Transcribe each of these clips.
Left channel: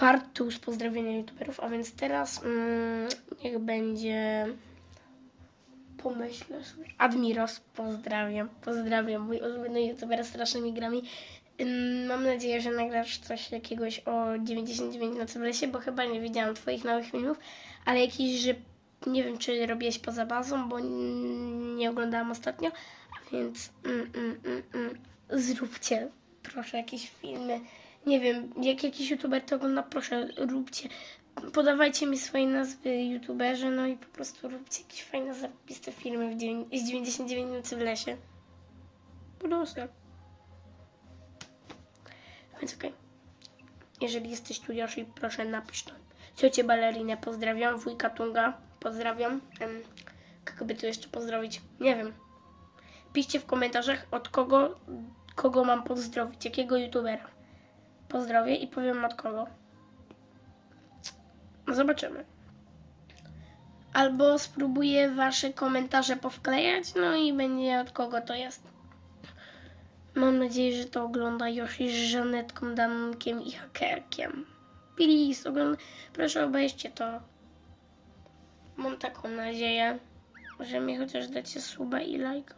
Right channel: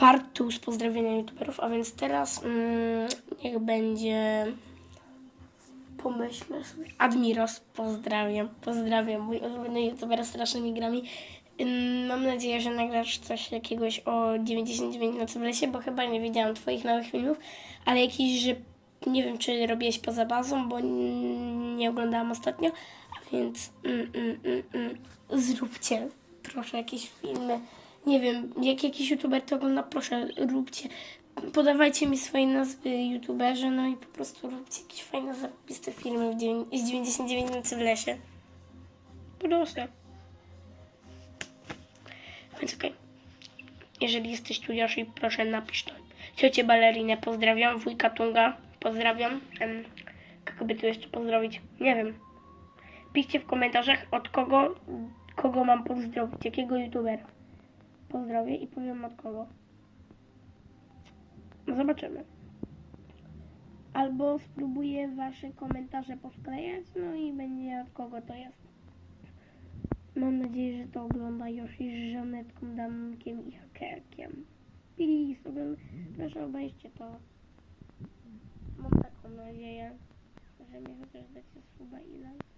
part 2 z pozdrowienia youtuberów, a więc teraz mm, niech będzie pomyślę sobie. Admiros, pozdrawiam, pozdrawiam, mój ulubiony youtuber strasznymi grami. Mam nadzieję, że nagrasz coś jakiegoś o 99 nocy w lesie, bo chyba nie widziałam twoich nowych filmów, ale jakiś, że nie wiem, czy robiłeś poza bazą, bo nie oglądałam ostatnio, a więc mm, mm, mm, mm, zróbcie proszę jakieś filmy. Nie wiem, jak jakiś youtuber to ogląda, proszę róbcie. Podawajcie mi swoje nazwy youtuberzy, no i po prostu róbcie jakieś fajne, zarobiste filmy z 99 nocy w lesie. Proszę. Więc okej. Jeżeli jesteś tu, Yoshi, proszę napisz to. Ciocię balerinę pozdrawiam, wujka Tunga pozdrawiam. Em, kogo tu jeszcze pozdrowić? Nie wiem. Piszcie w komentarzach, od kogo, kogo mam pozdrowić, jakiego youtubera. Pozdrowię i powiem od kogo. Zobaczymy. Albo spróbuję wasze komentarze powklejać, no i będzie od kogo to jest. Mam nadzieję, że to ogląda Yoshi z Żanetką, Dankiem i Hakerkiem. Please, ogląd... proszę obejrzcie to. Mam taką nadzieję, że mi chociaż dacie suba i lajka.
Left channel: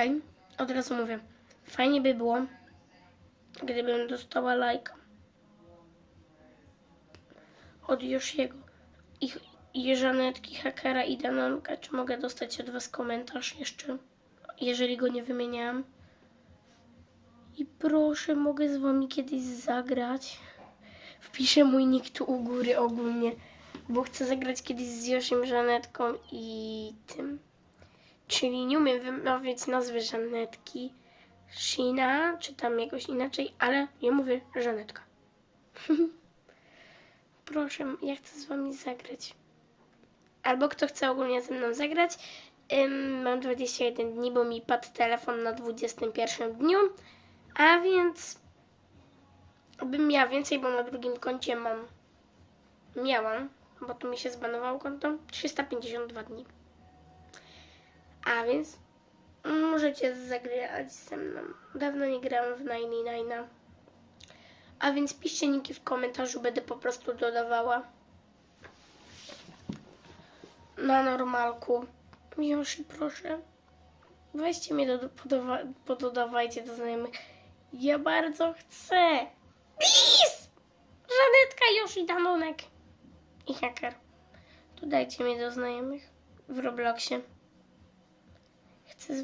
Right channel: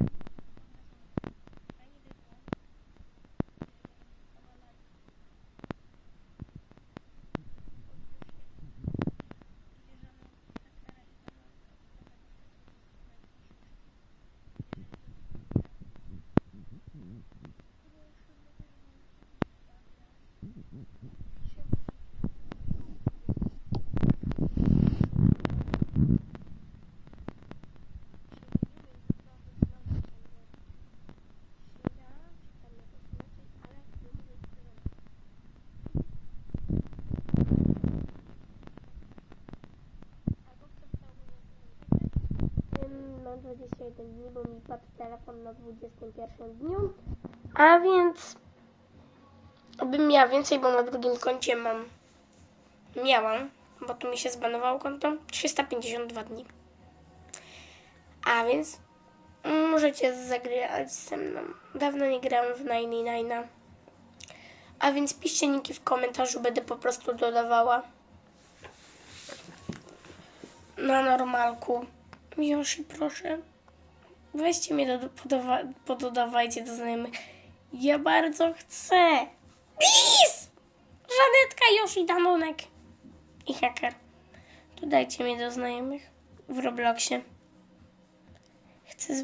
Okej, od razu mówię. Fajnie by było, gdybym dostała lajka od Josiego i, i Żanetki, Hakera i Danonka. Czy mogę dostać od Was komentarz jeszcze, jeżeli go nie wymieniałam? I proszę, mogę z Wami kiedyś zagrać. Wpiszę mój nick tu u góry ogólnie, bo chcę zagrać kiedyś z Josim, Żanetką i tym. Czyli nie umiem wymawiać nazwy Żanetki. Shina, czy tam jakoś inaczej, ale ja mówię Żanetka. Proszę, ja chcę z wami zagrać. Albo kto chce ogólnie ze mną zagrać. Ym, mam 21 dni, bo mi padł telefon na 21 dniu. A więc bym miała więcej, bo na drugim koncie mam. Miałam, bo tu mi się zbanowało konto. 352 dni. A więc możecie zagrać ze mną. Dawno nie grałam w 99. A więc piszcie niki w komentarzu, będę po prostu dodawała. Na normalku. Yoshi, proszę. Weźcie mnie, do, pododawajcie do znajomych. Ja bardzo chcę. Please! Żanetka, Yoshi, Danonek i Hacker. Dodajcie mnie do znajomych w Robloxie. Chcę z